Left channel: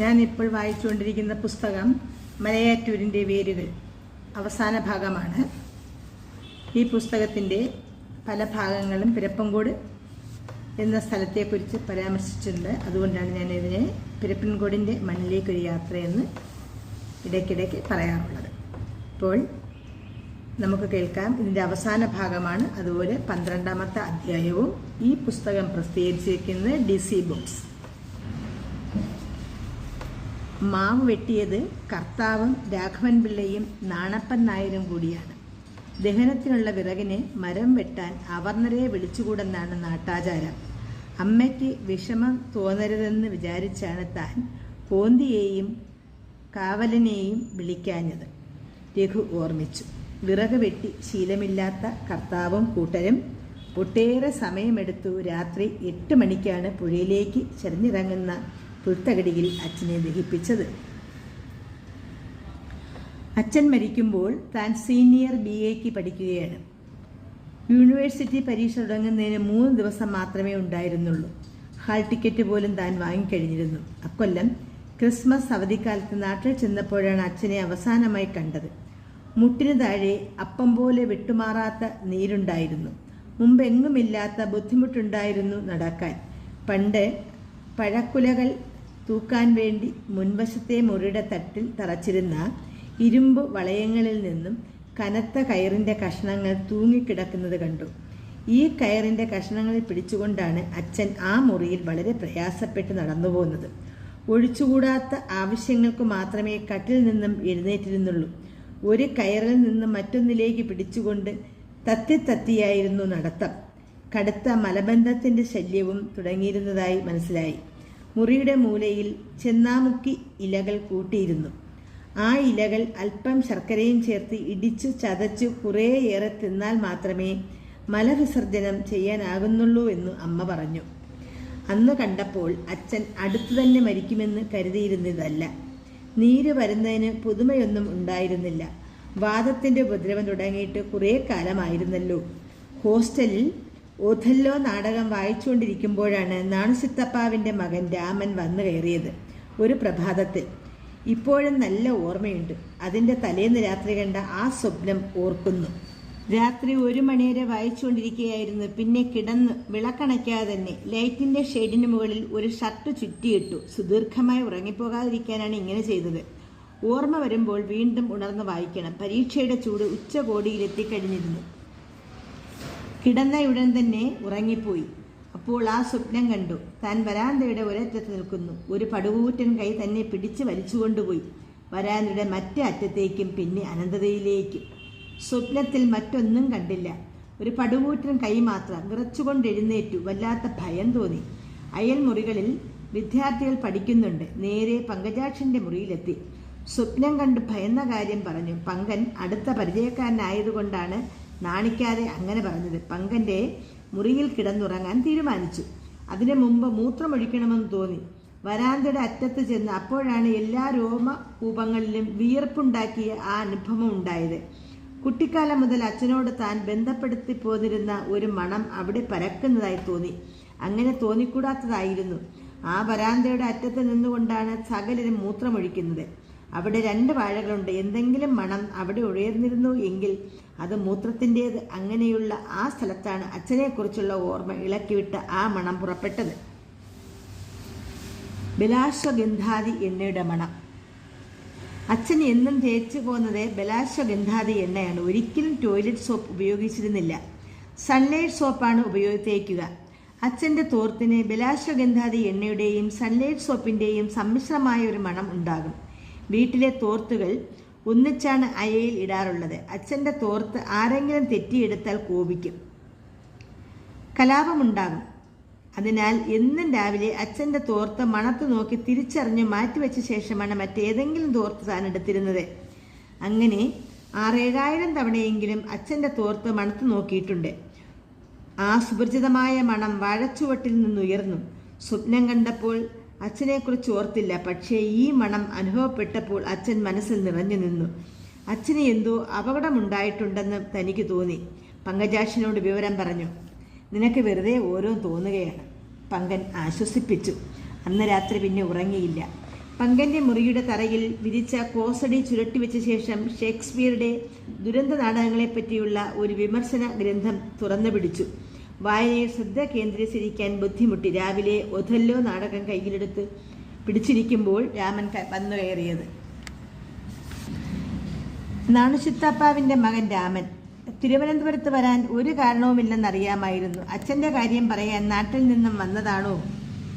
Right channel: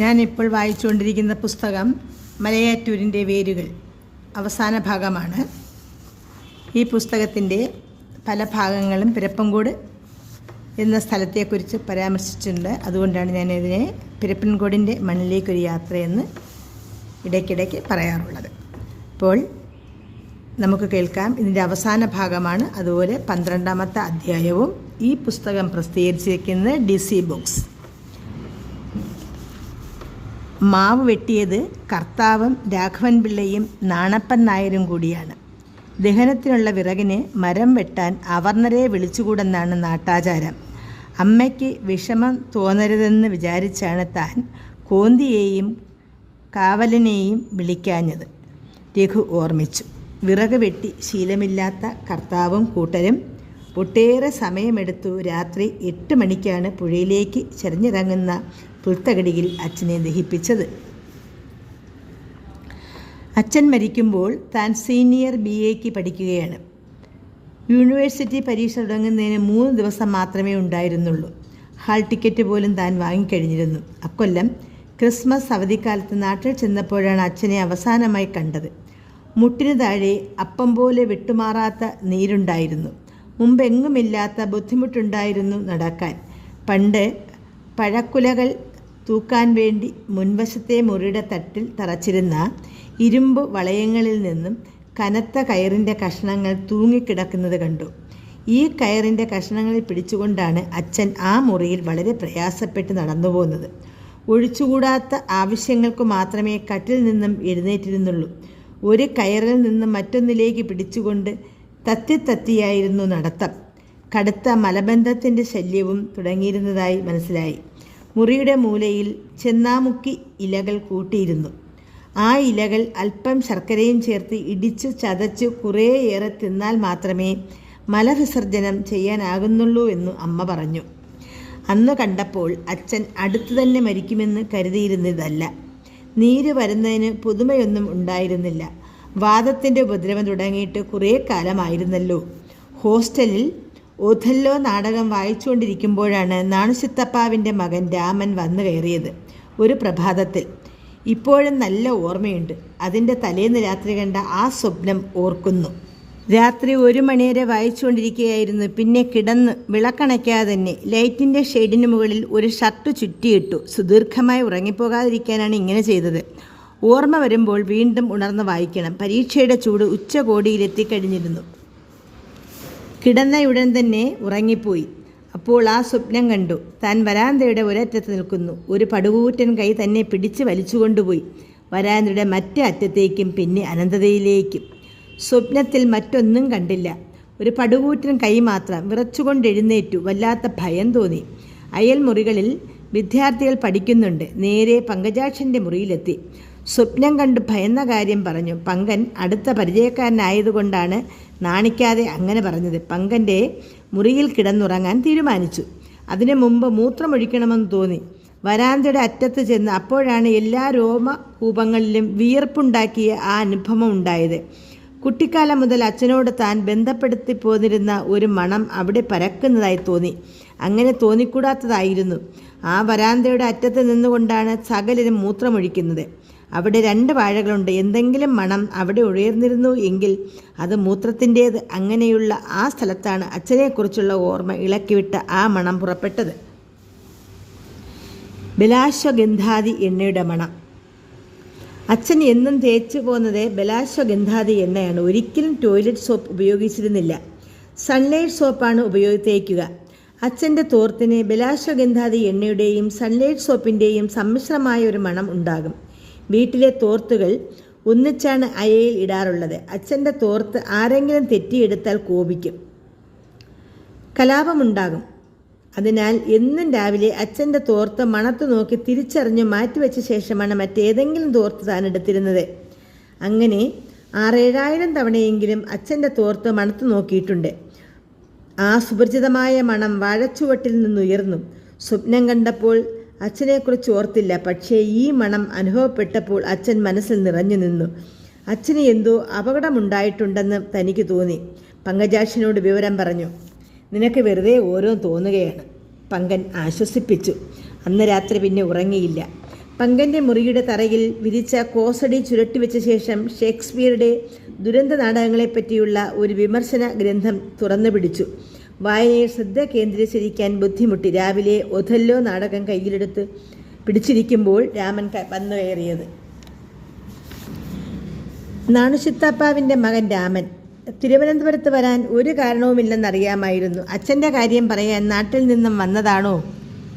ഞാനിപ്പോൾ വായിച്ചുകൊണ്ടിരിക്കുന്ന പുസ്തകം മലയാറ്റൂരിൻ്റെ വേരുകൾ അവസാന ഭാഗമാണ്. ഈ പുസ്തകത്തിൻ്റെ പല ഭാഗങ്ങളും പിരപ്പൻകോട് എന്ന സ്ഥലത്തെക്കുറിച്ച് പരാമർശിച്ചിട്ടുണ്ട്. അതുകൊണ്ടാണ് ഞാനിതിനെ പിരപ്പൻകോടിൻ്റെ മണ്ണിലേക്കൊരു യാത്രയെന്ന് ഇടയ്ക്കിടയ്ക്ക് പറയാറുള്ളത്. ഇപ്പോൾ നമുക്ക് കേൾക്കാം. ഇതിൻ്റെ അവസാന ഭാഗമാണ്. അതുപോലെ 12ാമത്തെ അധ്യായവും. ഈ പുസ്തകം പ്രസിദ്ധീകരിച്ചിരിക്കുന്നത് DC ബുക്സ്. മാവ് വെട്ടിയത് കർത്താവും രാഘവൻ പിള്ളയും നാണപ്പൻ നായരും കൂടിയാണ്. ദഹനത്തിനുള്ള വിറകിന് മരം വെട്ടാൻ അവർണരെ വിളിച്ചുകൂടെന്നാണ് നാട്ടാചാരം. അമ്മയ്ക്ക് വിഷമം തോന്നരുതെന്ന് വിചാരിച്ചാണ് താൻ കോന്തിയെയും കാവലനെയും വിളിക്കാഞ്ഞത്. രഘു ഓർമ്മിച്ചു. വിറക് വെട്ടി ശീലമില്ലാത്ത കർത്താവും കൂട്ടരും ഒട്ടേറെ സമയമെടുത്തു രാത്രി 8 മണിക്കാണ് പുഴയിലേക്ക് ചരിഞ്ഞിറങ്ങുന്ന പുൽത്തകടിയിൽ അച്ഛനെ ദഹിപ്പിച്ചത്. അച്ഛൻ മരിക്കുമ്പോൾ താൻ സീനിയർ BAക്ക് പഠിക്കുകയാണ്. യൂണിവേഴ്സിറ്റി പരീക്ഷ തുടങ്ങുന്നതിന് 3 ദിവസം മാത്രമേ ഉണ്ടായിരുന്നുള്ളൂ. ഹാൾ ടിക്കറ്റ് പോലും താൻ വാങ്ങിക്കഴിഞ്ഞിരുന്നു. അക്കൊല്ലം ക്രിസ്മസ് അവധിക്കാലത്ത് നാട്ടിൽ ചെന്നപ്പോഴാണ് അച്ഛനെ അവസാനമായി കണ്ടത്. മുട്ടിന് താഴെ അപ്പം പോലെ വിട്ടുമാറാത്ത നീരുണ്ടായിരുന്നു. മുമ്പെങ്ങുമില്ലാത്ത ബുദ്ധിമുട്ടുണ്ടായിരുന്നു നടക്കാൻ. പണ്ട് പഴക്കുലകൾ തൂക്കാൻ വേണ്ടി മുൻവശത്തെ മുറിയുടെ തട്ടിൽ തറച്ചിരുന്ന ഇരുമ്പ് വളയങ്ങളിൽ നിന്നും കനത്ത കയറിൻ്റെ കഷ്ണങ്ങൾ തൂങ്ങിക്കിടക്കുന്നത് കണ്ടു. ഈ കയറിൻ്റെ കഷ്ണങ്ങളിൽ പിടിച്ചുകൊണ്ടാണ് അച്ഛൻ ആ മുറിയിൽ വളരെ പ്രയാസപ്പെട്ട് നടന്നു പോകുന്നത്. ഒഴിച്ചുകൂടാത്ത ആവശ്യങ്ങൾക്ക് മാത്രമേ കട്ടിൽ നിന്നും എഴുന്നേറ്റിരുന്നുള്ളൂ. ഒരു കയറിൽ നിന്നും മറ്റൊന്നിലേക്ക് പിടിച്ചുകൊണ്ട് തത്തിയായിരുന്നു നടത്തം. കടുത്ത മലബന്ധത്തിൻ്റെ ശല്യവും തുടങ്ങിയിരുന്നതായി മനസ്സിലായി. മുറിയുടെ മൂലയിൽ ചെന്നാമുക്കി ഇലകൾ കൂട്ടിയിരുന്നു. ആ ഇലകൾ അല്പം ശർക്കരയും ചേർത്ത് ഇടിച്ചു ചതച്ചു കുറേയേറെ തിന്നാൽ മാത്രമേ മലവിസർജനം ചെയ്യാനാകുന്നുള്ളൂ എന്ന് അമ്മ പറഞ്ഞു. അന്ന് കണ്ടപ്പോൾ അച്ഛൻ അടുത്തു തന്നെ മരിക്കുമെന്ന് കരുതിയിരുന്നതല്ല. നീര് വരുന്നതിന് പുതുമയൊന്നും ഉണ്ടായിരുന്നില്ല. വാദത്തിൻ്റെ ഉപദ്രവം തുടങ്ങിയിട്ട് കുറേ കാലമായിരുന്നല്ലോ. ഹോസ്റ്റലിൽ ഓഥല്ലോ നാടകം വായിച്ചുകൊണ്ടിരിക്കുമ്പോഴാണ് നാണുശിത്തപ്പാവിൻ്റെ മകൻ രാമൻ വന്നു കയറിയത്. ഒരു പ്രഭാതത്തിൽ. ഇപ്പോഴും നല്ല ഓർമ്മയുണ്ട്. അതിൻ്റെ തലേന്ന് രാത്രി കണ്ട ആ സ്വപ്നം ഓർക്കുന്നു. രാത്രി 1 മണി വരെ വായിച്ചുകൊണ്ടിരിക്കുകയായിരുന്നു. പിന്നെ കിടന്ന് വിളക്കണയ്ക്കാതെ തന്നെ ലൈറ്റിൻ്റെ ഷെയ്ഡിന് മുകളിൽ ഒരു ഷർട്ട് ചുറ്റിയിട്ടു. സുദീർഘമായി ഉറങ്ങിപ്പോകാതിരിക്കാനാണ് ഇങ്ങനെ ചെയ്തത്. ഓർമ്മ വരുമ്പോൾ വീണ്ടും ഉണർന്ന് വായിക്കണം. പരീക്ഷയുടെ ചൂട് ഉച്ചകോടിയിലെത്തിക്കഴിഞ്ഞിരുന്നു. കിടന്നയുടൻ തന്നെ ഉറങ്ങിപ്പോയി. അപ്പോൾ ആ സ്വപ്നം കണ്ടു. താൻ വരാന്തയുടെ ഒരറ്റത്ത് നിൽക്കുന്നു. ഒരു പടുകൂറ്റൻ കൈ തന്നെ പിടിച്ച് വലിച്ചുകൊണ്ടുപോയി. വരാന്തയുടെ മറ്റേ അറ്റത്തേക്കും പിന്നെ അനന്തതയിലേക്കും. സ്വപ്നത്തിൽ മറ്റൊന്നും കണ്ടില്ല. ഒരു പടുകൂറ്റൻ കൈ മാത്രം. വിറച്ചുകൊണ്ടെഴുന്നേറ്റു. വല്ലാത്ത ഭയം തോന്നി. അയൽമുറികളിൽ വിദ്യാർത്ഥികൾ പഠിക്കുന്നുണ്ട്. നേരെ പങ്കജാക്ഷൻ്റെ മുറിയിലെത്തി. സ്വപ്നം കണ്ട് ഭയന്ന കാര്യം പറഞ്ഞു. പങ്കൻ അടുത്ത പരിചയക്കാരനായതുകൊണ്ടാണ് നാണിക്കാതെ അങ്ങനെ പറഞ്ഞത്. പങ്കൻ്റെ മുറിയിൽ കിടന്നുറങ്ങാൻ തീരുമാനിച്ചു. അതിനു മുമ്പ് മൂത്രമൊഴിക്കണമെന്ന് തോന്നി. വരാന്തയുടെ അറ്റത്ത് ചെന്ന് അപ്പോഴാണ് എല്ലാ രോമകൂപങ്ങളിലും വിയർപ്പുണ്ടാക്കിയ ആ അനുഭവം ഉണ്ടായത്. കുട്ടിക്കാലം മുതൽ അച്ഛനോട് താൻ ബന്ധപ്പെടുത്തി പോന്നിരുന്ന ഒരു മണം അവിടെ പരക്കുന്നതായി തോന്നി. അങ്ങനെ തോന്നിക്കൂടാത്തതായിരുന്നു. ആ വരാന്തയുടെ അറ്റത്ത് നിന്നുകൊണ്ടാണ് സകലരും മൂത്രമൊഴിക്കുന്നത്. അവിടെ 2 വാഴകളുണ്ട്. എന്തെങ്കിലും മണം അവിടെ ഉയർന്നിരുന്നു എങ്കിൽ അത് മൂത്രത്തിൻ്റേത്. അങ്ങനെയുള്ള ആ സ്ഥലത്താണ് അച്ഛനെക്കുറിച്ചുള്ള ഓർമ്മ ഇളക്കിവിട്ട ആ മണം പുറപ്പെട്ടത്. ബലാശ്വഗന്ധാദി എണ്ണയുടെ മണം. അച്ഛൻ എന്നും തേച്ചു പോകുന്നത് ബലാശ്വഗന്ധാദി എണ്ണയാണ്. ഒരിക്കലും ടോയ്ലറ്റ് സോപ്പ് ഉപയോഗിച്ചിരുന്നില്ല. സൺലൈറ്റ് സോപ്പാണ് തേക്കുക. അച്ഛൻ്റെ തോർത്തിന് ബലാശ്വഗന്ധാദി എണ്ണയുടെയും സൺലൈറ്റ് സോപ്പിൻ്റെയും സമ്മിശ്രമായ ഒരു മണം ഉണ്ടാകും. വീട്ടിലെ തോർത്തുകൾ ഒന്നിച്ചാണ് അയയിൽ ഇടാറുള്ളത്. അച്ഛൻ്റെ തോർത്ത് ആരെങ്കിലും തെറ്റിയെടുത്താൽ കോപിക്കും, കലാപമുണ്ടാകും. അതിനാൽ എന്നും രാവിലെ അച്ഛൻ്റെ തോർത്ത് മണത്ത് നോക്കി തിരിച്ചറിഞ്ഞു മാറ്റിവെച്ച ശേഷമാണ് മറ്റേതെങ്കിലും തോർത്ത് താൻ എടുത്തിരുന്നത്. അങ്ങനെ 6,000-7,000 തവണയെങ്കിലും അച്ഛൻ്റെ തോർത്ത് മണത്ത് നോക്കിയിട്ടുണ്ട്. ആ സുപരിചിതമായ മണം വാഴച്ചുവട്ടിൽ നിന്നുയർന്നു. സ്വപ്നം കണ്ടപ്പോൾ അച്ഛനെക്കുറിച്ച് ഓർത്തില്ല. പക്ഷേ ഈ മണം അനുഭവപ്പെട്ടപ്പോൾ അച്ഛൻ മനസ്സിൽ നിറഞ്ഞു നിന്നു. അച്ഛന് എന്തോ അപകടമുണ്ടായിട്ടുണ്ടെന്ന് തനിക്ക് തോന്നി. പങ്കജാക്ഷനോട് വിവരം പറഞ്ഞു. നിനക്ക് വെറുതെ ഓരോ തോന്നുകയാണ്, പങ്കൻ ആശ്വസിപ്പിച്ചു. അന്ന് രാത്രി പിന്നെ ഉറങ്ങിയില്ല. പങ്കൻ്റെ മുറിയുടെ തറയിൽ വിരിച്ച കോസടി ചുരുട്ടിവെച്ച ശേഷം ഷേക്സ്പിയറുടെ ദുരന്ത നാടകങ്ങളെപ്പറ്റിയുള്ള ഒരു വിമർശന ഗ്രന്ഥം തുറന്നു പിടിച്ചു. വായനയിൽ ശ്രദ്ധ കേന്ദ്രീകരിക്കാൻ ബുദ്ധിമുട്ടി. രാവിലെ ഒഥല്ലോ നാടകം കയ്യിലെടുത്ത് പിടിച്ചിരിക്കുമ്പോൾ രാമൻ വന്നു കയറിയത്. നാണുശിത്താപ്പാവിൻ്റെ മകൻ രാമൻ. തിരുവനന്തപുരത്ത് വരാൻ ഒരു കാരണവുമില്ലെന്നറിയാമായിരുന്നു. അച്ഛൻ്റെ കാര്യം പറയാൻ നാട്ടിൽ നിന്നും വന്നതാണോ?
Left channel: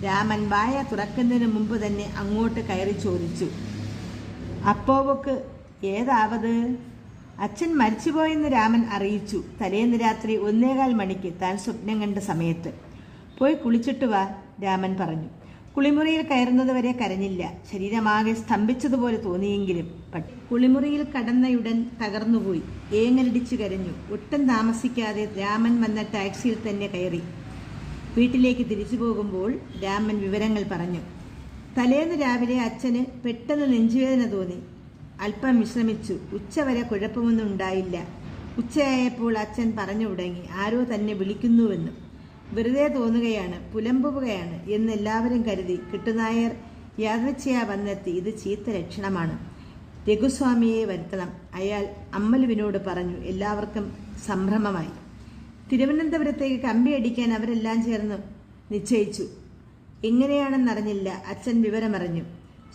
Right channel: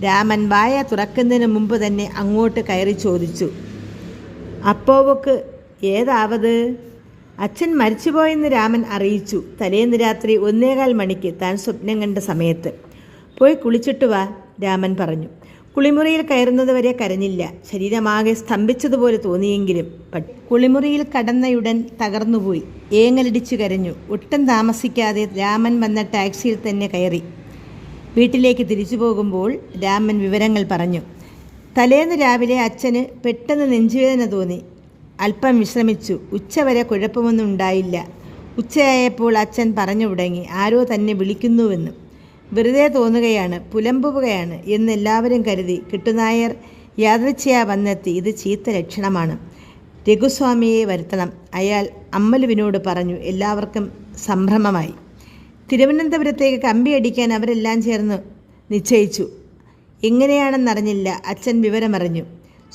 രാമൻ വായ തുറക്കുന്നതിന് മുമ്പ് തന്നെ അങ്ങോട്ട് കയറി ചോദിച്ചു. അപ്പോവക്ക് ഏതാവത്? അച്ഛൻ മരിച്ചുപോയെന്ന് രാമൻ അറിയിച്ചു. തലേന്ന് രാത്രി 1:15 മണിക്ക് താൻ സ്വപ്നം കണ്ട സമയത്ത്. പോയി കുളിച്ചിട്ട് വാ, രാമൻ പറഞ്ഞു. കുളിമുറിയിൽ കയറുന്നത് വരെ കരഞ്ഞില്ല. ശരീരമാകെ സ്തംഭിച്ചതുപോലെ തോന്നിയെങ്കിലും കുളിമുറിയിൽ കടന്നയുടൻ തകർന്നുപോയി. ഏങ്ങലടിച്ചു കരഞ്ഞു. ഒട്ടും താമസിക്കാതെ രാമൻ വന്ന ടാക്സിയിൽ തന്നെ കയറി. വീട്ടിലേക്ക് തിരിച്ചു പോകുമ്പോൾ രാമൻ വിവരങ്ങൾ പറഞ്ഞു. തലേന്ന് രാവിലെ അച്ഛന് പെട്ടെന്ന് നെഞ്ചുവേദന തോന്നി. അല്പം വിശ്രമിച്ചു. ഉച്ചവരെ കുഴപ്പമൊന്നും ഉണ്ടായില്ല. ഉച്ചയായപ്പോൾ അച്ഛൻ പറഞ്ഞു തുടങ്ങി, ആരോ തന്നെ വിളിക്കുന്നുവെന്ന്. വെറുതെ തോന്നുകയാണ്, പുലമ്പുകയാണ് എന്ന് എല്ലാവരും കരുതി. കിട്ടുനായർ യാദൃച്ഛയാ വന്നെത്തി. ഇത് ചീത്ത ലക്ഷണമാണ്. രഘുസ്വാമിയെ വരുത്തണം, അയാൾ അമ്മലുവിനോട് പറഞ്ഞു. എല്ലാവർക്കും സംഭ്രമമായി. തിരുവനന്തപുരത്തേക്ക് കമ്പിയടിക്കാൻ അവരെല്ലാം ചേർന്ന് നിശ്ചയിച്ചു. എങ്ങനെയാണെന്നറിഞ്ഞില്ല. അച്ഛൻ വിവരമറിഞ്ഞു.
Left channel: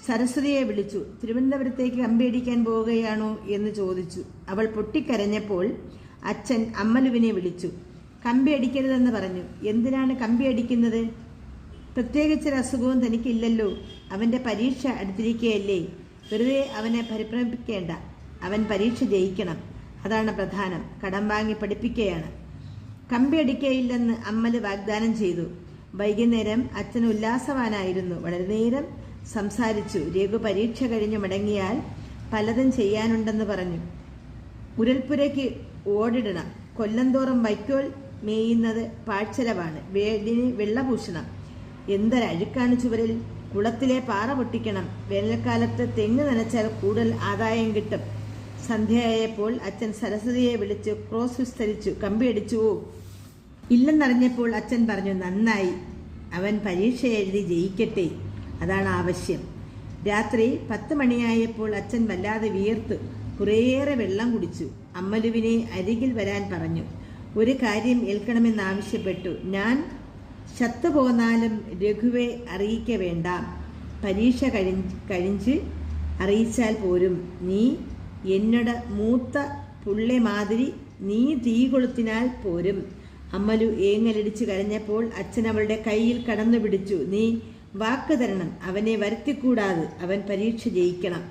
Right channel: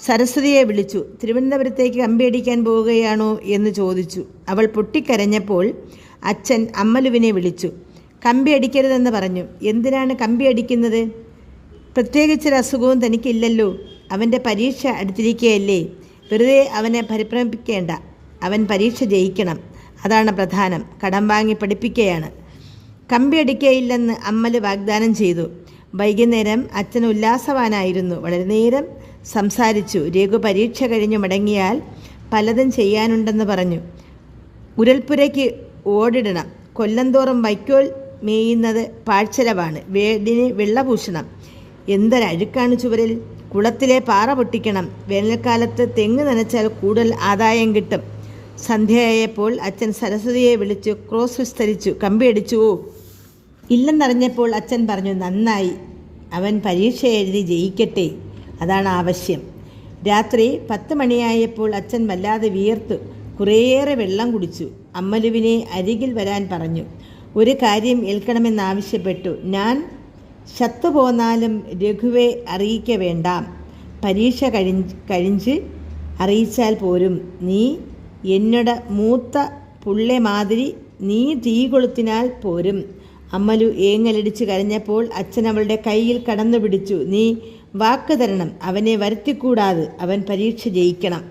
സരസ്വതിയെ വിളിച്ചു. തിരുവനന്തപുരത്തേക്ക് കമ്പിയടിക്കാൻ പോവുകയാണോ എന്ന് ചോദിച്ചു. അവൾ പൊട്ടിക്കരഞ്ഞപ്പോൾ അച്ഛൻ അമ്മലുവിനെ വിളിച്ചു. കമ്പി അടിക്കരുതെന്ന് പറഞ്ഞു. എന്തിനാണ് കമ്പി അടിക്കുന്നത്? പ്രത്യേകിച്ചൊരു അസുഖവും തനിക്കില്ലല്ലോ. അവൻ്റെ പരീക്ഷ അടുത്തിരിക്കുകയല്ലേ. വെറുതെ അവനെ പരിഭ്രമിപ്പിക്കേണ്ട. അവൻ പരീക്ഷ ജയിക്കണം, അതാണ് പ്രധാനം. കടം വാങ്ങി പഠിപ്പിക്കുകയാണ്. കമ്പി അടിക്കയില്ലെന്ന് അമ്മല് വാഗ്ദാനം ചെയ്തു. വൈകുന്നേരം അച്ഛൻ ഉല്ലാസവാനായിരുന്നു. വളരെ നേരം സംസാരിച്ചു. രഘു പരീക്ഷ കഴിഞ്ഞു മടങ്ങിയാൽ പലതും ചെയ്യാനുണ്ടെന്ന് പറഞ്ഞു. ഉരൽപ്പുരയ്ക്ക് ഓടിടണം. കൊല്ലന്തോറും വൈക്കോൽ മേയുന്നത് പാഴ്ചെലവാണ്. വീടിന് വെള്ളപൂശണം. എന്തൊരഴുക്കാണ് ചുവരിൽ. കുളത്തിലെ പാറ പൊട്ടിക്കണം. വേനൽക്കാലത്ത് തെങ്ങ് നനച്ചാൽ കൂടുതൽ ആദായം കിട്ടും. സന്ധ്യയായപ്പോൾ അച്ഛൻ സരസ്വതിയെ വിളിച്ചു ക്രോസ് വിസ്തരിച്ചു. കമ്പി അടിച്ചുവോ? ഇല്ലെന്നറിഞ്ഞപ്പോൾ അച്ഛൻ പറഞ്ഞു, നന്നായി. അവൻ പരീക്ഷ എഴുതി ജയിക്കട്ടെ, അതാണ് ആവശ്യം. രാത്രി 10 മണിയായപ്പോൾ അച്ഛൻ വല്ലാതെ വിയർത്തു. കുറേയേറെ വെള്ളം കുടിച്ചു. അമ്മലുവിനെ അരികിൽ വരാൻ പറഞ്ഞു. ഒരു കാര്യം ഏൽക്കണമെന്നാവശ്യപ്പെട്ടു. ഞാൻ ശത്തുപോന്നാലും രഘുവെ അറിയിക്ക വേണ്ടാം. പരീക്ഷ കഴിഞ്ഞ് അറിയിച്ചാൽ പോരും. നീ എന്നോട് മൂത്ത പുള്ളെ മാതിരി നീ തീ കൊളുത്തിനാൽ പോരും. അമ്മലു ഏങ്ങലടിച്ച് കരഞ്ഞപ്പോൾ അച്ഛൻ അവളുടെ കയ്യിൽ കടന്നു പിടിച്ചു. നീ വാക്ക് തരണം. അവനെ വരുത്തിക്കൂടാതെ. അവൻ പരീക്ഷ ജയിക്കണം.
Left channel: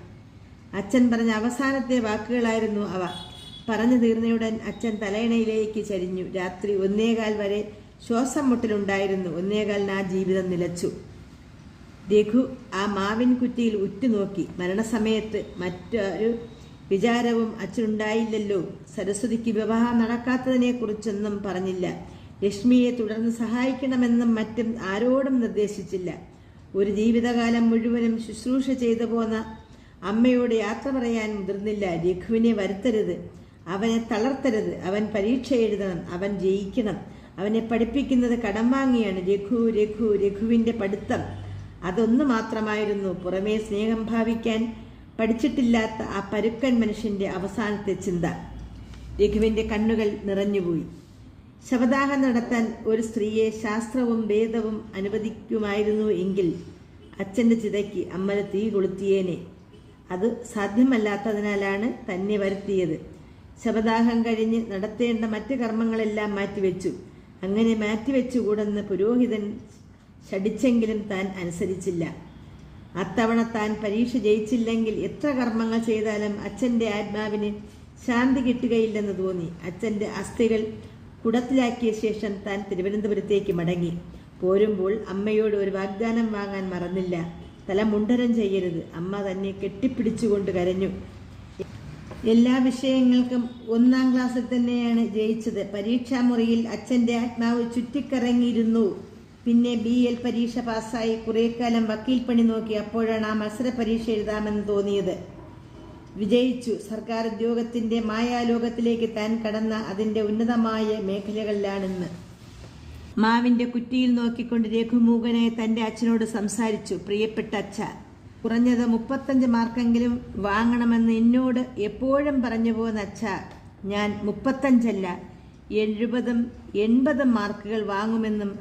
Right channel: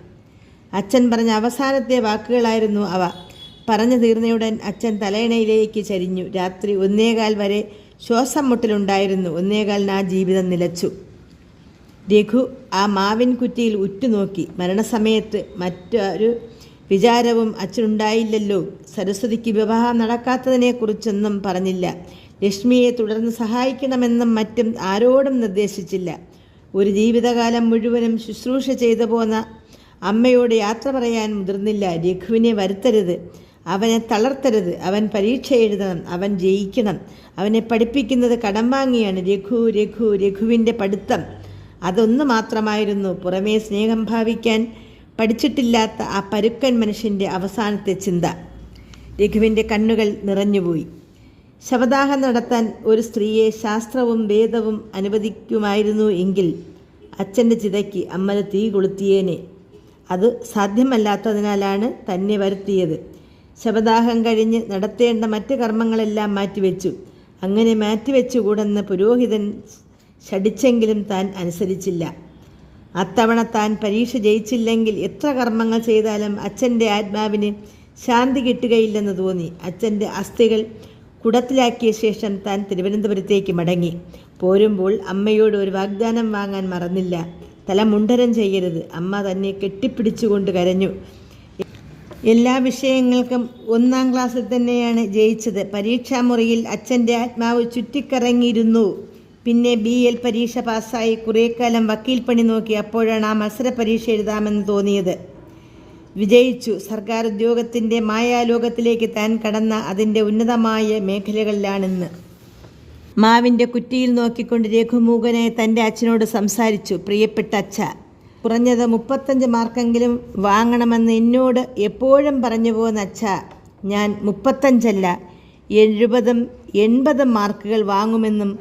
അച്ഛൻ പറഞ്ഞ അവസാനത്തെ വാക്കുകളായിരുന്നു അവ. പറഞ്ഞു തീർന്നയുടൻ അച്ഛൻ തലയിണയിലേക്ക് ചരിഞ്ഞു. രാത്രി 1:15 വരെ ശ്വാസം മുട്ടലുണ്ടായിരുന്നു. 1:15 ആ ജീവിതം നിലച്ചു. രഘു ആ മാവിൻ കുറ്റിയിൽ ഉറ്റുനോക്കി. മരണസമയത്ത് മറ്റൊരു വിചാരവും അച്ഛനുണ്ടായില്ലല്ലോ. സരസ്വതിക്ക് വിവാഹം നടക്കാത്തതിനെക്കുറിച്ചൊന്നും പറഞ്ഞില്ല. ലക്ഷ്മിയെ തുടർന്ന് സഹായിക്കണമെന്നും മറ്റും ആരോടും നിർദ്ദേശിച്ചില്ല. ഒരു ജീവിതകാലം മുഴുവനും ശുശ്രൂഷ ചെയ്തു പോന്ന അമ്മയോട് യാത്ര പറയാൻ മുതിർന്നില്ല. രഘുവിനെ വരുത്തരുത്, അവനെ തളർത്തരുത്. അവൻ പരീക്ഷ എഴുതണം, അവൻ ജയിക്കണം. അവനെ പഠിപ്പിക്കുന്നത് കടം വാങ്ങിയാണ്. രഘുവിൻ്റെ പഠിത്തം അതൊന്നു മാത്രമായിരുന്നു. പുറമേ സ്നേഹം ഭാവിക്കാൻ പഠിച്ചിട്ടില്ലാത്ത ആ പരുക്കൻ മനുഷ്യൻ്റെ അവസാനത്തെ ചിന്ത. രഘുവിൻ്റെ കണ്ണുകൾ നിറഞ്ഞുപോയി. ശവദാഹം നടത്താൻ ഒരു സ്ത്രീയെ ശാസ്ത്രവും വേദവും അനുവദിക്കുമായിരുന്നു എങ്കിൽ അച്ഛൻ്റെ ചിതയ്ക്ക് അമ്മ തീ കൊളുത്തിയേനെ. അത് സാധ്യമല്ലാത്തതിനാലാണ് തന്നെ വരുത്തിയത്. ശവദാഹം കഴിഞ്ഞ് നടത്തേണ്ട മറ്റ് കർമ്മങ്ങളെല്ലാം മാറ്റിവെച്ചു. അങ്ങനെ മാറ്റിവെച്ചുകൂടെന്ന് പുരോഹിതൻ ശഠിച്ചെങ്കിലും താൻ അനുസരിച്ചില്ല. അത്തവണ താൻ പരീക്ഷ ജയിച്ചില്ലെങ്കിൽ എത്ര കർമ്മങ്ങൾ ചെയ്താലും അച്ഛൻ്റെ ആത്മാവിന് ശാന്തി കിട്ടുകയില്ലെന്ന് തോന്നി. അച്ഛൻ്റെ അസ്ഥികൾ കുടത്തിലാക്കിയ ശേഷം താൻ തിരുവനന്തപുരത്തേക്ക് മടങ്ങി. പോരുമ്പോൾ അമ്മയോട് ഒരു വാഗ്ദാനം വാങ്ങാൻ മറന്നില്ല. തല മുണ്ടനം ചെയ്യരുത്. അമ്മ തന്നെ കെട്ടിപ്പിടിച്ചുകൊണ്ട് കരഞ്ഞു. എല്ലാ വിഷയങ്ങൾക്കും 1-ാം ക്ലാസ്സിൽ തന്നെയാണ് ജയിച്ചത്. പരീക്ഷാമുറിയിൽ അച്ഛൻ്റെ ആത്മാവ് ചുറ്റിക്കറങ്ങിയിരുന്നു. പിന്നെ BL പരീക്ഷ പാസ്സായി കുറേക്കാലം വക്കീൽ പണി നോക്കി. അപ്പോഴാണ് ആ മത്സര പരീക്ഷ എഴുതാമെന്ന് തോന്നിയത്. വിജയിച്ചു. സർക്കാർ ഉദ്യോഗത്തിൻ്റെ മായാലോകത്തിലേക്ക് താൻ കടന്ന അതിൻ്റെ ഉന്നതമായ മേഖലകളിലാണെന്ന്. മാവിൻ്റെ കുറ്റിയിൽ നോക്കിക്കൊണ്ട് രഘുമൂകനെ തൻ്റെ അച്ഛനോട് സംസാരിച്ചു. പ്രിയപ്പെട്ട അച്ഛ, കുറഞ്ഞത് 35 മാർക്കെങ്കിലും വാങ്ങണമെന്ന് എന്നോട് എപ്പോഴും പറഞ്ഞു പോന്ന അച്ഛാ, ഞാൻ 35 70 മാർക്കുകൾ വാങ്ങുമെന്നും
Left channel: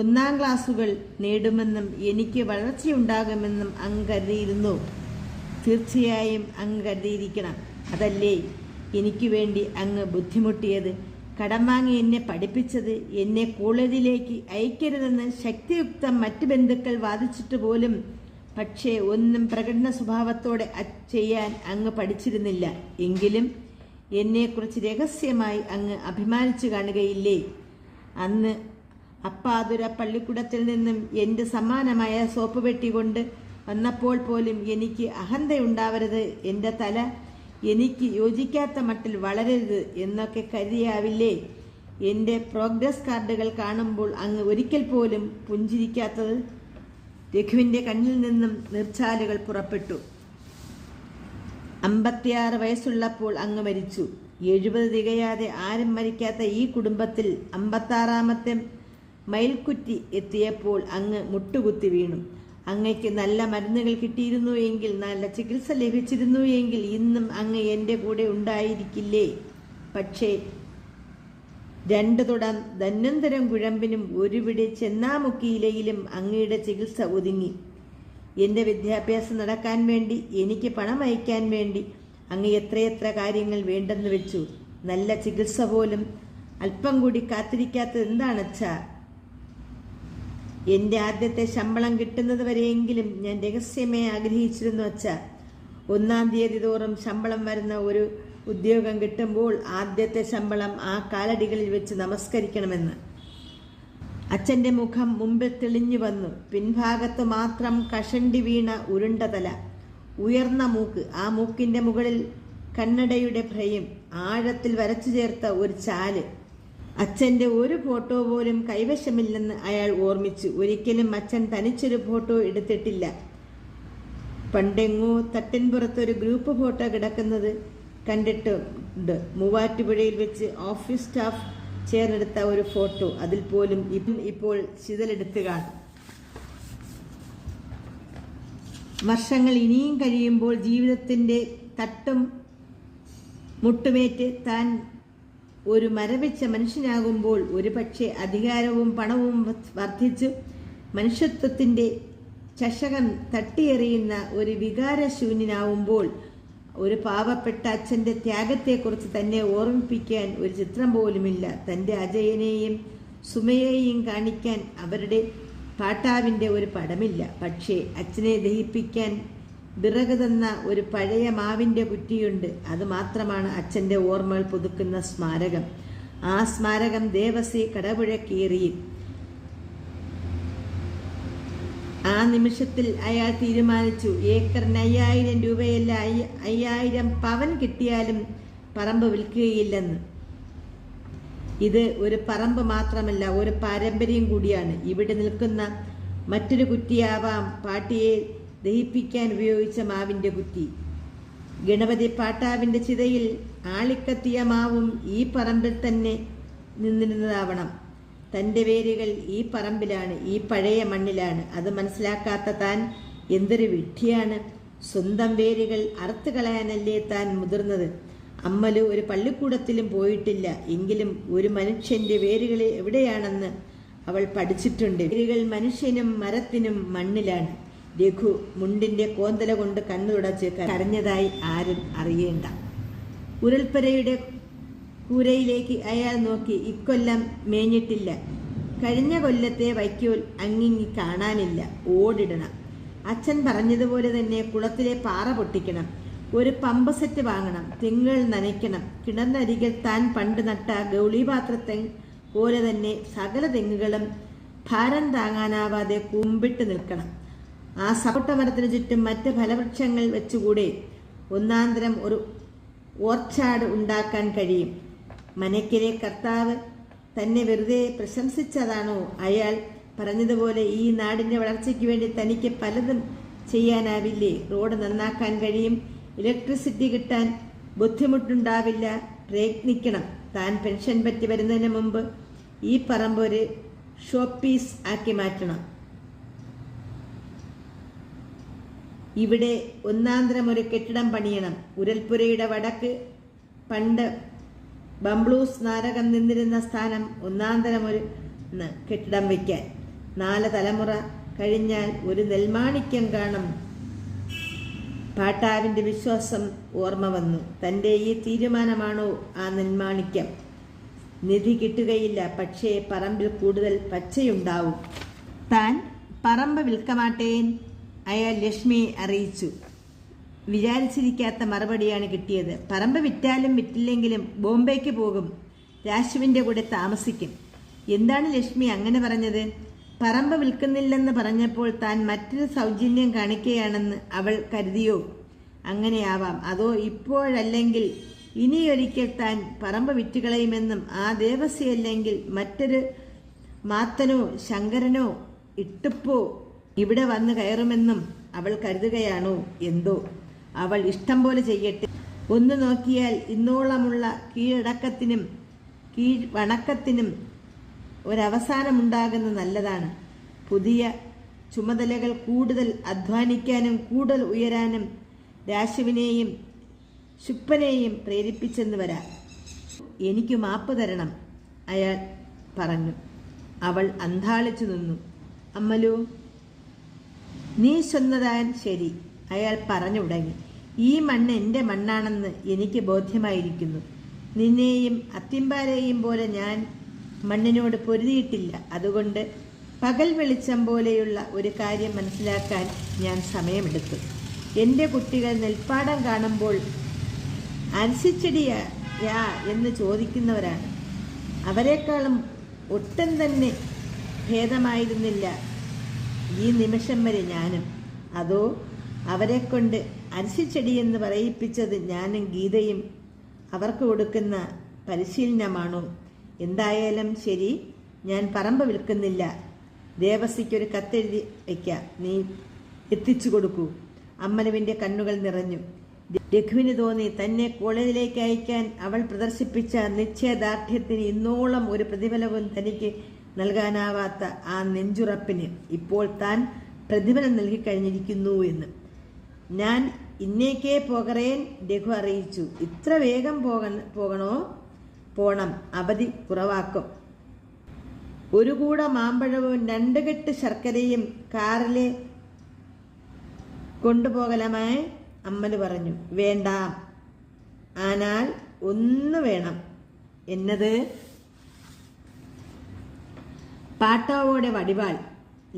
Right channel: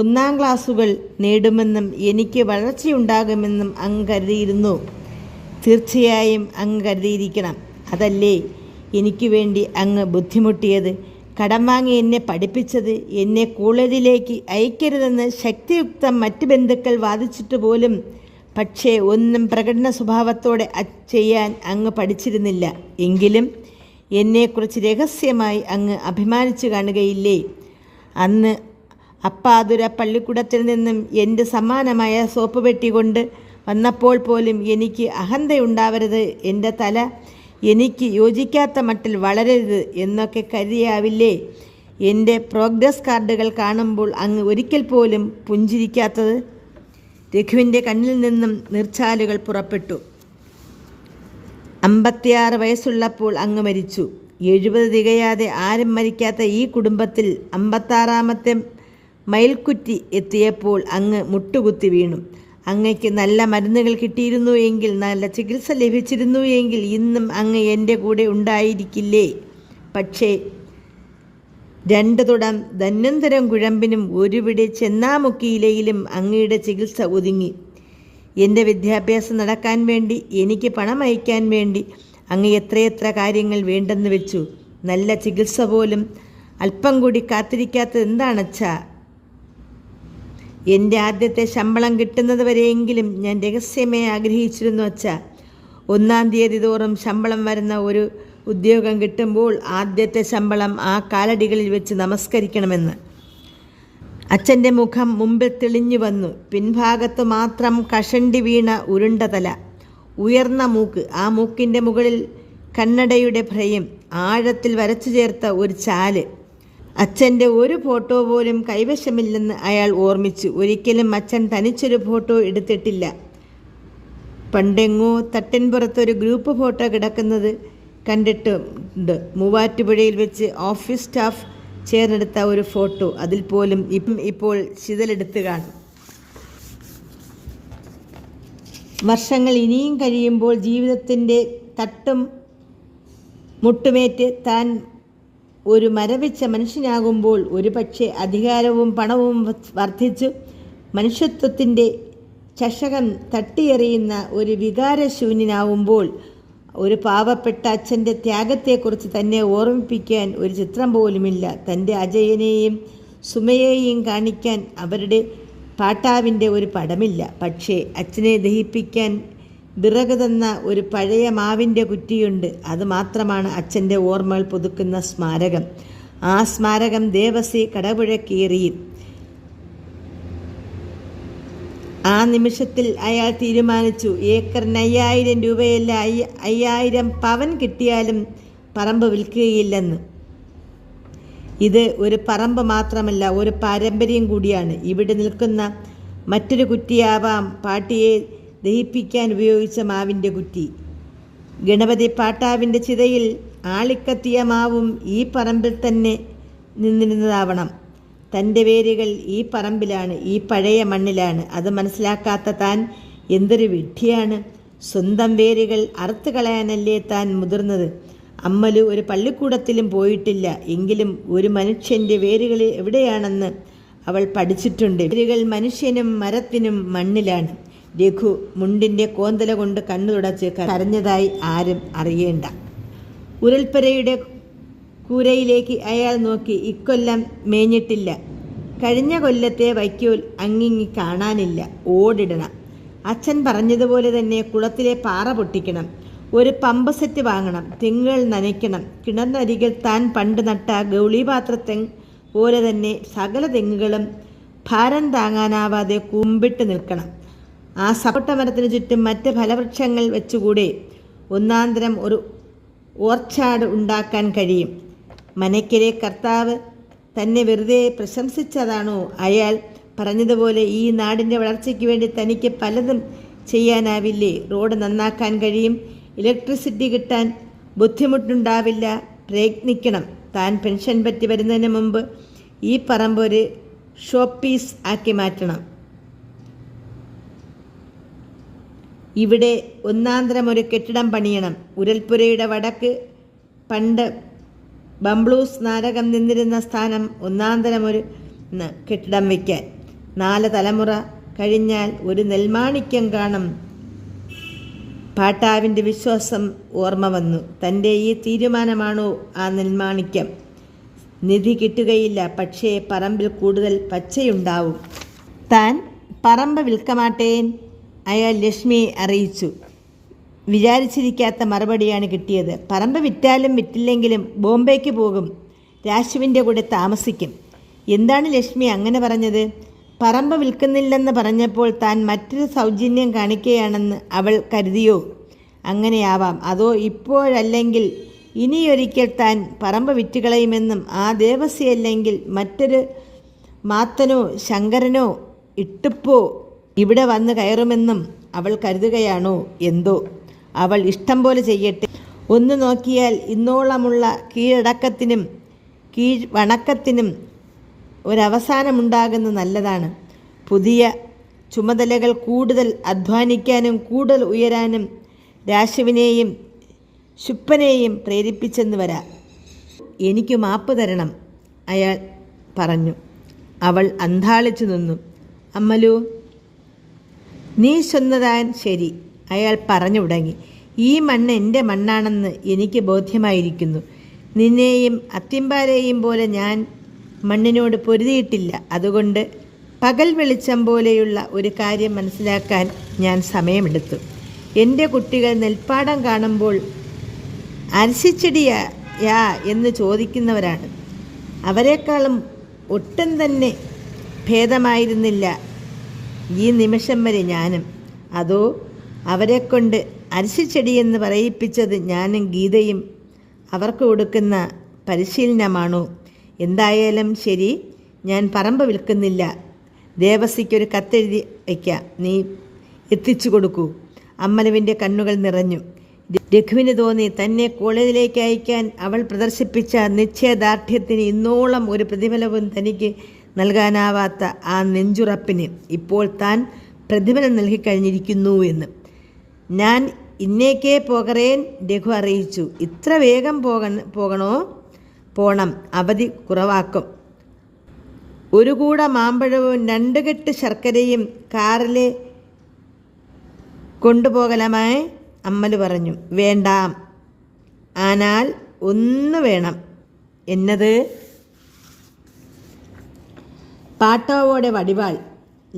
1-ാം ക്ലാസ്സുകൾ നേടുമെന്നും എനിക്ക് വളർച്ചയുണ്ടാകുമെന്നും അങ്ങ് കരുതിയിരുന്നു. തീർച്ചയായും അങ്ങ് കരുതിയിരിക്കണം. അതല്ലേ എനിക്ക് വേണ്ടി അങ്ങ് ബുദ്ധിമുട്ടിയത്, കടം വാങ്ങി എന്നെ പഠിപ്പിച്ചത്, എന്നെ കോളേജിലേക്ക് അയക്കരുതെന്ന് ശക്തിയുക്തം മറ്റ് ബന്ധുക്കൾ വാദിച്ചിട്ട് പോലും. പക്ഷേ ഒന്നും പ്രകടന സ്വഭാവത്തോടെ ചെയ്യാൻ അങ്ങ് പഠിച്ചിരുന്നില്ല. എങ്കിലും എന്നെക്കുറിച്ച് രഹസ്യമായി അങ്ങ് അഭിമാനിച്ചു കാണുകയില്ലേ? അന്ന് അപ്പാതുര പള്ളിക്കൂടത്തിൽ നിന്നും എൻ്റെ സമ്മാനമായ സോപ്പ് പെട്ടി കൊണ്ട് വന്നപ്പോൾ പോലും എനിക്ക് അഹന്തയുണ്ടാവരുത്, എൻ്റെ തല എനിക്ക് യോജിക്കാത്ത മട്ടിൽ വളരരുത് എന്നൊക്കെ കരുതിയാവില്ലേ എൻ്റെ പ്രോഗ്രസ് കാർഡുകൾ കാണുമ്പോൾ അങ്ങ് ഒരിക്കൽ പോലും പുഞ്ചിരിക്കാത്തത്? രഘുവിൻ്റെ കണ്ണിൽ നിന്നും നീർച്ചാലുകൾ പുറപ്പെട്ടു. 56 വയസ്സുള്ളപ്പോൾ അങ്ങ് മരിച്ചു. 70 തികയാതെ ആരും മരിക്കാത്ത ഈ കുടുംബത്തിൽ 56-ാമത്തെ മയിൽക്കുറ്റി എത്തിയപ്പോൾ അങ്ങ് മുട്ടുകുത്തി വീണു. അങ്ങയ്ക്ക് നല്ല മരുന്നുകൾ കിട്ടിയിരുന്നു എങ്കിൽ, നല്ല ചികിത്സ ലഭിച്ചിരുന്നു എങ്കിൽ ഇന്നും അങ്ങ് എൻ്റെ കൂടെ ഉണ്ടായിരിക്കില്ലേ? പക്ഷേ 2 തുടം ധന്വന്തരം കുഴമ്പിനും 1 പിടി ചെന്നാമുക്കിയിലയിലും അങ്ങയുടെ ചികിത്സ ഒതുങ്ങി. എൻ്റെ വിദ്യാഭ്യാസം നടക്കാൻ വേണ്ടി, എനിക്ക് പണം അയക്കാൻ വേണ്ടി അങ്ങ് എത്രയെത്ര കാര്യങ്ങൾ വേണ്ടെന്ന് വെച്ചു. നല്ല ചികിത്സ പോലും അല്പം കൂടി കാത്തിരിക്കാത്തത് എന്താണച്ചാ? എൻ്റെ ആദ്യത്തെ ശമ്പളം കിട്ടുന്നത് വരെയെങ്കിലും ഞാൻ രഹസ്യമേ ആഗ്രഹിച്ചിരുന്നു അച്ഛാ. 1-ാം തീയതി തോറും ശമ്പളം വരുന്ന ഒരു ഉദ്യോഗം കിട്ടുമ്പോൾ ആദ്യത്തെ ശമ്പളം ആ കാലടികളിൽ വെച്ച് നമസ്കരിക്കണമെന്ന്. അച്ഛൻ്റെ മുഖം മുമ്പിൽ തെളിഞ്ഞു വന്നു. പിൻഭാഗത്ത് മാത്രം കഷണ്ടി വീണ ഉരുണ്ട തല, ഉയർന്ന മൂക്ക്, ആ മൂക്കിൻ്റെ മുകളിൽ കണ്ണടയുടെ ഭ്രയം, ആഴത്തിൽ വരച്ചു ചേർത്ത ഒരു ചാല്. അച്ഛൻ്റെ ഒരു ഫോട്ടോ പോലും കൈവശമില്ലെന്ന് അയാൾ ഓർമ്മിച്ചു. ഒരിക്കലും അച്ഛൻ തനിച്ചൊരു ഫോട്ടോ എടുത്തിട്ടില്ല. പണ്ടെങ്ങോ തട്ടിൻപുറത്തൊരു ഗ്രൂപ്പ് ഫോട്ടോ കിടക്കുന്നത് കണ്ടിട്ടുണ്ട്. മൂവാറ്റുപുഴയിൽ വെച്ച് ഓഫീസ് സ്റ്റാഫ് ചേർന്നെടുത്ത ഒരു ഫോട്ടോ. അതിൽ പോലും ഇപ്പോൾ ചിതലെടുത്ത് കാണും. വർഷങ്ങൾ ഇനിയും കഴിയുമ്പോൾ ജീവിതത്തിൻ്റെ തട്ടും മുട്ടുമേറ്റ് താൻ ഒരു മരവിച്ച മനുഷ്യനാകുമ്പോൾ, ഒരു പക്ഷേ അധികാരവും പണവും വർദ്ധിച്ചു മനുഷ്യത്വത്തിൻ്റെ ചഷകം തട്ടിയെറിയുന്ന ഒരു വികാരശൂന്യനാവുമ്പോൾ, ഒരു പാവപ്പെട്ട അച്ഛൻ്റെ ത്യാഗത്തെക്കുറിച്ച് തന്നെ ഓർമ്മിപ്പിക്കാൻ ഒരു ചിത്രം പോലുമില്ല. തൻ്റെ അജയനെയും സുമയെയും കാണിക്കാൻ അവരുടെ പാട്ടാവിൻ്റെ ഒരു പടമില്ല. പക്ഷേ അച്ഛനെ ദഹിപ്പിക്കാൻ വിറക് തന്ന ഒരു പഴയ മാവിൻ്റെ കുറ്റിയുണ്ട്. അത് മാത്രമാണ് അച്ഛൻ്റെ ഓർമ്മകൾ പുതുക്കുന്ന സ്മാരകം. ആ സ്മാരകം ദേവസി കടപുഴക്കേറി. ആ നിമിഷത്തിൽ അയാൾ തീരുമാനിച്ചു, ഏക്കറിന് 5000 രൂപയല്ല, 5000 പവൻ കിട്ടിയാലും പറമ്പ് വിൽക്കുകയില്ലെന്ന്. ഇത് ഒരു പറമ്പ് മാത്രമല്ല, ഒരു പാരമ്പര്യം കൂടിയാണ്. ഇവിടെ നിൽക്കുന്ന മറ്റൊരു കുറ്റിയാവാം പാട്ടിയെ ദഹിപ്പിക്കാൻ ഉപയോഗിച്ച മാവിൻ്റെ കുറ്റി. ഗണപതി പാട്ടാവിൻ്റെ ചിതയിൽ ആളിക്കത്തിയ മാവും ഈ പറമ്പിൽ തന്നെ നിന്നിരുന്നതാവണം. തൻ്റെ വേരുകൾ ഈ പറമ്പിലാണ്, ഈ പഴയ മണ്ണിലാണ്. അത് മനസ്സിലാക്കാത്ത താൻ എന്തൊരു വിഡ്ഢിയാണ്. സ്വന്തം വേരുകൾ അറുത്ത് കളയാനല്ലേ താൻ മുതിർന്നത്. അമ്മലു ഒരു പള്ളിക്കൂടത്തിലും പോയിട്ടില്ല. എങ്കിലും ഒരു മനുഷ്യൻ്റെ വേരുകൾ എവിടെയാണെന്ന് അവൾ പഠിച്ചിട്ടുണ്ട്. വേരുകൾ മനുഷ്യനും മരത്തിനും മണ്ണിലാണ്. രഘു മുണ്ടിൻ്റെ കോന്തല കൊണ്ട് കണ്ണു തുടച്ച് കരഞ്ഞതായി ആരും അറിയേണ്ട. ഉരുൾപ്പുരയുടെ കൂരയിലേക്ക് അയാൾ നോക്കി. ഇക്കൊല്ലം മേഞ്ഞിട്ടില്ല. കഴിഞ്ഞ കൊല്ലത്തെ വൈക്കോൽ അങ്ങിങ്ങി കാണാനില്ല. ഓടിടണം. അച്ഛൻ പറഞ്ഞതുപോലെ തന്നെ കുളത്തിലെ പാറ പൊട്ടിക്കണം. ഒരു പമ്പ് സെറ്റ് വാങ്ങണം. തെങ്ങുകൾ നനയ്ക്കണം. കിണറിനരികിൽ താൻ പണ്ട് നട്ട ഗൗളിപാത്രത്തെ പോലെ തന്നെ സകല തെങ്ങുകളും ഭാരം താങ്ങാനാവാതെ കുമ്പിട്ട് നിൽക്കണം. ആ സപ്പോട്ട മരത്തിന് ചുറ്റും മറ്റ് ഫലവൃക്ഷങ്ങൾ വെച്ചുകൂടെ ഒന്നാന്തരം ഒരു ഓർച്ചാർഡ് ഉണ്ടാക്കാൻ കഴിയും. മനയ്ക്കരെ കർത്താവ് തന്നെ വെറുതെ പ്രശംസിച്ചതാണോ? അയാൾ പറഞ്ഞതുപോലെ ഈ നാടിൻ്റെ വളർച്ചയ്ക്ക് വേണ്ടി തനിക്ക് പലതും ചെയ്യാനാവില്ലേ? റോഡ് നന്നാക്കാൻ കഴിയും. ഇലക്ട്രിസിറ്റി കിട്ടാൻ ബുദ്ധിമുട്ടുണ്ടാവില്ല. പ്രയത്നിക്കണം. താൻ പെൻഷൻ പറ്റി വരുന്നതിന് മുമ്പ് ഈ പറമ്പ് ഒരു ഷോപ്പീസ് ആക്കി മാറ്റണം. ഇവിടെ ഒന്നാന്തരം ഒരു കെട്ടിടം പണിയണം. ഉരൽപ്പുരയുടെ വടക്ക് പണ്ട് ബംബ്ലൂസ് നാരകം നിന്നിരുന്ന സ്ഥാനം ഒന്നാന്തരം ഒരു കെട്ടിടം വയ്ക്കാൻ. 4 തലമുറ കഴിഞ്ഞാൽ ഒരു നെൽമാണിക്യം കാണും. പാട്ടാവിൻ്റെ വിശ്വാസം ഓർമ്മ വന്നു. തൻ്റെ ഈ തീരുമാനമാണോ ആ നെൽമാണിക്യം? നിധി കിട്ടുകയില്ല, പക്ഷേ പറമ്പിൽ കൂടുതൽ പച്ചയുണ്ടാവും. താൻ പറമ്പ് വിൽക്കമാട്ടേൻ, അയാൾ ലക്ഷ്മിയെ അറിയിച്ചു. വിചാരിച്ചിരിക്കാത്ത മറുപടിയാണ് കിട്ടിയത്. പറമ്പ് വിറ്റാലും വിറ്റില്ലെങ്കിലും ബോംബെക്ക് പോകും, രാശുവിൻ്റെ കൂടെ താമസിക്കും. എന്താണ് ലക്ഷ്മി അങ്ങനെ പറഞ്ഞത്? പറമ്പ് വിൽക്കുന്നില്ലെന്ന് പറഞ്ഞപ്പോൾ താൻ മറ്റൊരു സൗജന്യം കാണിക്കുകയാണെന്ന് അവൾ കരുതിയോ? അങ്ങനെയാവാം. അതോ ഇപ്പോഴല്ലെങ്കിൽ ഇനിയൊരിക്കൽ താൻ പറമ്പ് വിറ്റുകളയുമെന്നും ആ ദേവസ്യല്ലെങ്കിൽ മറ്റൊരു മാത്തനോ ശങ്കരനോ ഇട്ടുപ്പോ ഇവിടെ വന്ന് കയറുമെന്നും അവൾ കരുതുകയാണോ എന്തോ? അവൾ ഇഷ്ടം പോലെ ചെയ്യട്ടെ. ഒന്ന് നോക്കിയാൽ ഇന്നോളമുള്ള കീഴടക്കത്തിനും കീഴ്വണക്കത്തിനും ഒരവസാനമുണ്ടാകുന്നത് നല്ലതാണ്. പുതിയ ചുമതലകൾ കൂടുതൽ അധ്വാനിക്കാനും കൂടുതൽ ഉയരാനും രാശുവിനെയും ശുപ്പനെയും പ്രേരിപ്പിച്ചെന്ന് വരാം. എനിക്ക് മാപ്പ് തരണം, അയാൾ പറഞ്ഞു. അവൾ അന്ധാളിച്ചു നിന്നു. അമ്മലു, നീ ചൊന്നതാൻ ശരി, അയാൾ പറഞ്ഞു തുടങ്ങി. ഈ മണ്ണ് എൻ്റെ മണ്ണാണെന്ന് എനിക്ക് ബോധ്യമായിരിക്കുന്നു. നിന്നെയും അത്തിമ്പാരെയും പോലെ ഞാൻ മണ്ണിനോട് പൊരുതിയിട്ടില്ല. അതുകൊണ്ട് പകൽ വെളിച്ചം പോലെയുള്ള ഒരു കാര്യം മനസ്സിലാക്കാൻ ഞാൻ സമയമെടുത്തു. എൻ്റെ കുട്ടികൾ നെൽപ്പാടം കാണുമ്പോൾ അരശിച്ചെടിയാ എന്ന് ചോദിക്കുന്നവരാണ്. അവരെക്കാളും ഒട്ടും തന്നെ ഭേദമായിരുന്നില്ല ഈ നിമിഷം വരെ ഞാനും. അതോ അവരെക്കൊണ്ട് അരശിച്ചെടിയെന്ന് പറയിപ്പിച്ചത് ഞാനും ഗീതയും അവർക്ക് കൊടുക്കുന്ന പരിശീലനമാണോ? എന്തായാലും ശരി, ഞാൻ പറമ്പ് വിൽക്കുന്നില്ല. ദേവസിക്കൊരു കത്തെഴുതി വയ്ക്കാം, നീ എത്തിച്ചു കൊടുക്കൂ. അമ്മലുവിൻ്റെ കണ്ണുകൾ നിറഞ്ഞു. രഘുവിന് തോന്നി തന്നെ കോളേജിലേക്ക് അയക്കാൻ അവൾ പ്രദർശിപ്പിച്ച നിശ്ചയദാർഢ്യത്തിന് ഇന്നോളം ഒരു പ്രതിഫലവും തനിക്ക് നൽകാനാവാത്ത ആ നെഞ്ചുറപ്പിന് ഇപ്പോൾ താൻ പ്രതിഫലം നൽകിക്കഴിഞ്ഞിരിക്കുന്നു എന്ന്. ഞാൻ ഇന്നേക്കേ പോകറേൻ, രഘു അറിയിച്ചു. ഇത്ര വേഗം പോകണോ? പോണം, അവധി കുറവാക്കും. ഒരു കൂട മാമ്പഴവും 2 കെട്ട് ശർക്കരയും കാറിൽ കൊണ്ടുപോകലമായി അമ്മല് പറഞ്ഞു. വേണ്ട, ആനാൽ ഒന്ന് വേണം. എന്നത്? പാട്ടാവോടെ വടിവാൾ.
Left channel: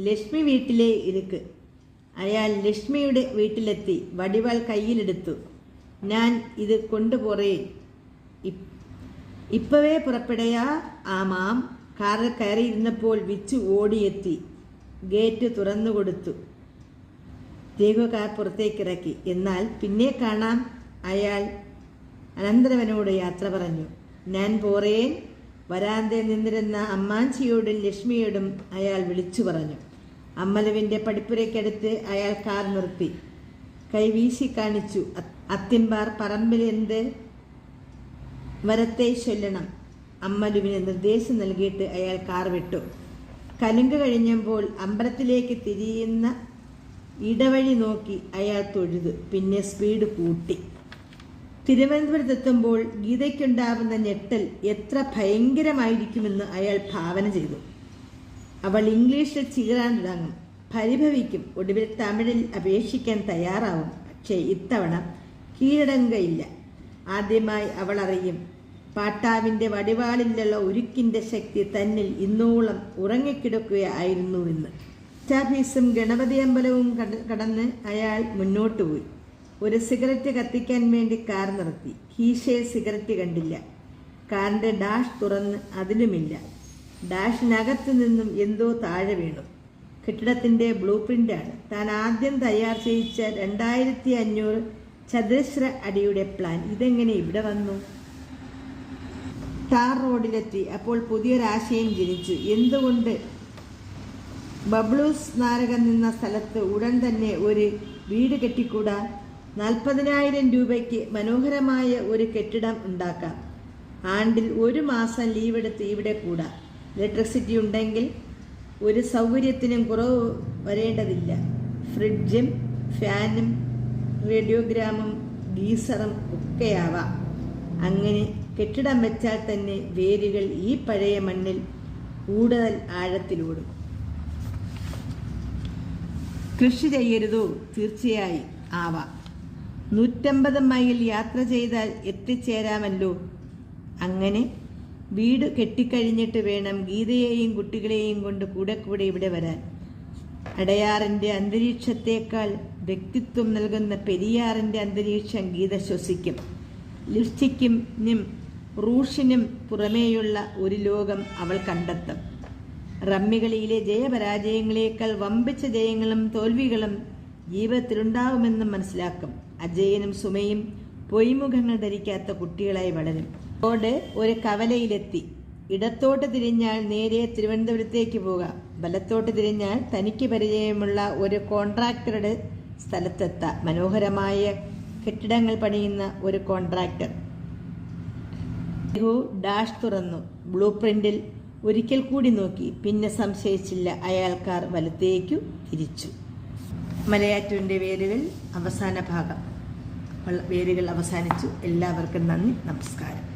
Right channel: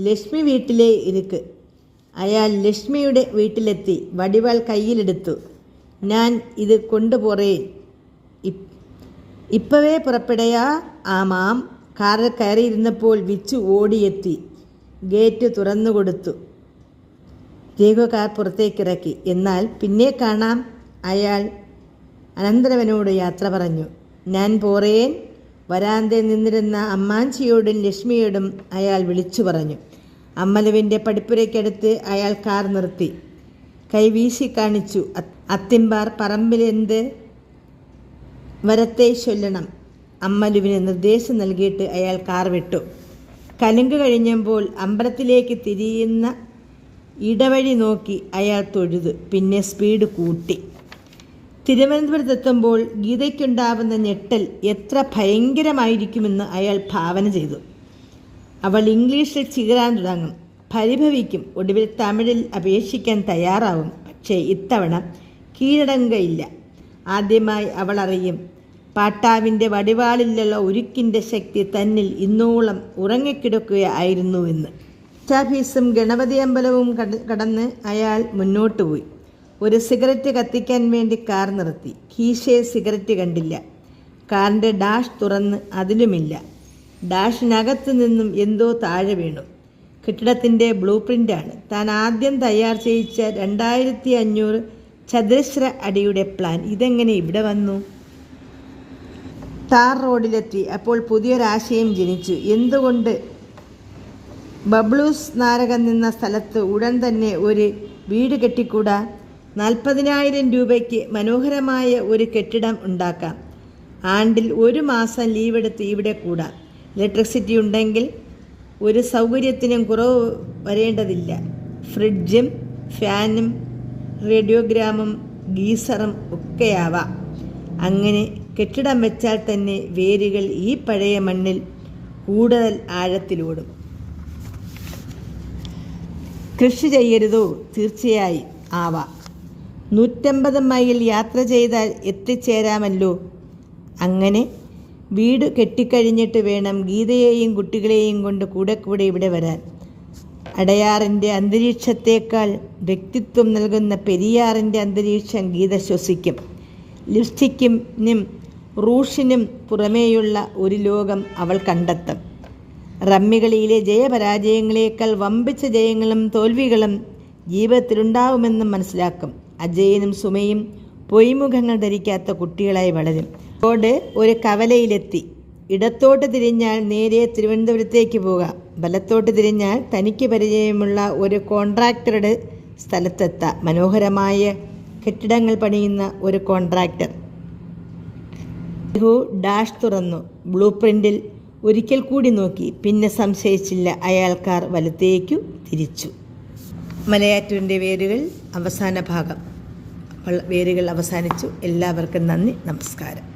ലക്ഷ്മി വീട്ടിലെ ഇരിക്ക്. അയാൾ ലക്ഷ്മിയുടെ വീട്ടിലെത്തി വടിവാൾ കയ്യിലെടുത്തു. ഞാൻ ഇത് കൊണ്ടുപോറേ, ഇപ്പവേ പുറപ്പെടയാ? ആമാം. കാറിൽ കയറിയിരുന്നപ്പോൾ വിച്ചു ഓടിയെത്തി ഗേറ്റ് തുറന്നു കൊടുത്തു. ജേഗോ കാർ പുറത്തേക്കിറക്കി. എന്നാൽ പിന്നെ കാണാം, അയാൾ അനന്തരവനോട് യാത്ര പറഞ്ഞു. ഞാൻ പോറേൻ. വരാന്തയിൽ നിന്നിരുന്ന അമ്മാഞ്ചിയോടും ലക്ഷ്മിയോടും അയാൾ വിളിച്ചു പറഞ്ഞു. അമ്മലുവിൻ്റെ പടിപ്പുരയ്ക്കടുത്ത് അയാൾ കാർ നിർത്തി. കൈ വീശി കാണിച്ചു. അത്തിമ്പാർ പറമ്പിലെന്ത് വരത്തെ ചൊല്ലണം. അമ്മലുവിന് നിർദ്ദേശം നൽകിയിട്ട് അയാൾ കാർ വിട്ടു. കലുങ്ക് കഴിഞ്ഞപ്പോൾ അമ്പലത്തിലേക്ക് തിരിയുന്ന ഇടവഴി നോക്കി അയാൾ തൊഴുതു. പിന്നെ സ്പീഡ് കൂട്ടി. തിരുവനന്തപുരത്തെത്തുമ്പോൾ ഗീതയ്ക്കുണ്ടാവുന്ന ഞെട്ടൽ എത്ര ഭയങ്കരമായിരിക്കുമെന്ന് അയാൾ ഭാവന ചെയ്തു. അവൾ ഇംഗ്ലീഷിൽ ചീറാൻ തുടങ്ങും, പരിഭവിക്കും, ഒടുവിൽ തമിഴിൽ അപേക്ഷിക്കാൻ തയ്യാറാവും. പക്ഷേ ഇത്തവണ കീഴടങ്ങുകയില്ല. ആദ്യമായി അവൾ അറിയും പാട്ടാവിൻ്റെ വടിവാളിലുള്ള ഉരുക്കിൻ്റെ ശക്തി തന്നിൽ ഇന്നോളം ഉറങ്ങിക്കിടക്കുകയായിരുന്നുവെന്ന്. ഓഫീസും ഗണപതി അമ്പലവും കടന്ന് അയാൾ മുന്നോട്ട് പോയി. ഒരു സിഗരറ്റ് കത്തിക്കാൻ വേണ്ടി കാർ നിർത്തി. കീശയിൽ സിഗരറ്റ് കണ്ടില്ല. കാറിൻ്റെ ഡാഷ് തുറന്ന് അതിലുമില്ല. ഡാഷിനകത്ത് നിന്നും എന്തോ താഴെ വീണു. കെട്ടിടത്തിൻ്റെ ബ്ലൂ പ്രിൻ്റാണ്. താൻ ആദ്യം തയ്യാർ ചെയ്യിച്ച 2500 ചതുരശ്ര അടിയുടെ പ്ലാൻ. ഇതെങ്ങനെ ഇവിടെ വന്നു? ടാർ റോഡിലെത്തി. അപ്പോൾ പുതിയൊരാശയം ജനിച്ചു. എന്തുകൊണ്ട് ബബ്ലൂസ് നാരകം നിന്ന സ്ഥലത്ത് ഉടൻ തന്നെ ഒരു വീട് കെട്ടിക്കൂടാ? 40,000 രൂപയ്ക്ക് മനോഹരമായ ഒരു കെട്ടിടം ഉണ്ടാക്കാം. ആണ്ടിൽ 1 മാസം ലീവെടുത്ത് ഇവിടെ കൂടാം. ഇലക്ട്രിസിറ്റി ഉണ്ടെങ്കിൽ ഒരു സൗകര്യത്തിനും കുറവ് വരേണ്ടതില്ല. ഫ്രിഡ്ജും ഫാനും റേഡിയോഗ്രാമും ഗീസറും ഒക്കെയാവാം. അങ്ങനെ കെട്ടിടം വെച്ചാൽ തന്നെ വേരുകൾ ഈ പഴയ മണ്ണിൽ കൂടുതൽ ആഴത്തിലൂടും. കൃഷി ചെയ്യരുതോ? തീർച്ചയായും ആവാം. 150 മൈൽ യാത്ര ചെയ്താൽ എത്തിച്ചേരാമല്ലോ. അങ്ങനെ വീട് കെട്ടിക്കഴിഞ്ഞിട്ട് വേണം ഗീതയെയും കുട്ടികളെയും കൊണ്ട് കൂടെ ഇവിടെ വരാൻ. അടയാറിൻ്റെ അന്തരീക്ഷത്തേക്കാൾ വ്യക്തിത്വം നൽകുന്ന പെരിയാറിൻ്റെ അന്തരീക്ഷം ഗീത ശ്വസിക്കും. ലിപ്സ്റ്റിക്കിനും റൂഷിനും പുറമേയുള്ള ഒരു ലോകം അവൾ കണ്ടെത്തും. റമ്മികളിയിലെ ജയപരാജയങ്ങളേക്കാൾ വമ്പിച്ച ജയങ്ങളും തോൽവികളും ജീവിതത്തിലുണ്ടാവുമെന്നും മനസ്സിലാക്കും. അജയനും സുമയും പൊയ്മുഖങ്ങൾ ധരിക്കാത്ത കുട്ടികളായി വളരും. റോഡ് ഒരു കവലയിലെത്തി. ഇടത്തോട്ട് തിരിഞ്ഞാൽ നേരെ തിരുവനന്തപുരത്തേക്ക് പോകാം. വലത്തോട്ട് തിരിഞ്ഞാൽ തനിക്ക് പരിചയമുള്ള ഒരു കോൺട്രാക്ടറുടെ സ്ഥലത്തെത്താം. മനോഹരമായ കെട്ടിടങ്ങൾ പണിയുന്ന ഒരു കോൺട്രാക്ടർ. ഡാഷ് തുറന്നു. ബ്ലൂ പ്രിന്റിൽ ഒരിക്കൽ കൂടി നോക്കി. പിന്നെ സംശയിച്ചില്ല. അയാൾ കാർ വലത്തേക്കു തിരിച്ചു. മലയാറ്റൂരിൻ്റെ വേരുകൾ അവസാന ഭാഗം. വേരുകൾ അവസാനിച്ചു. എല്ലാവർക്കും നന്ദി, നമസ്കാരം.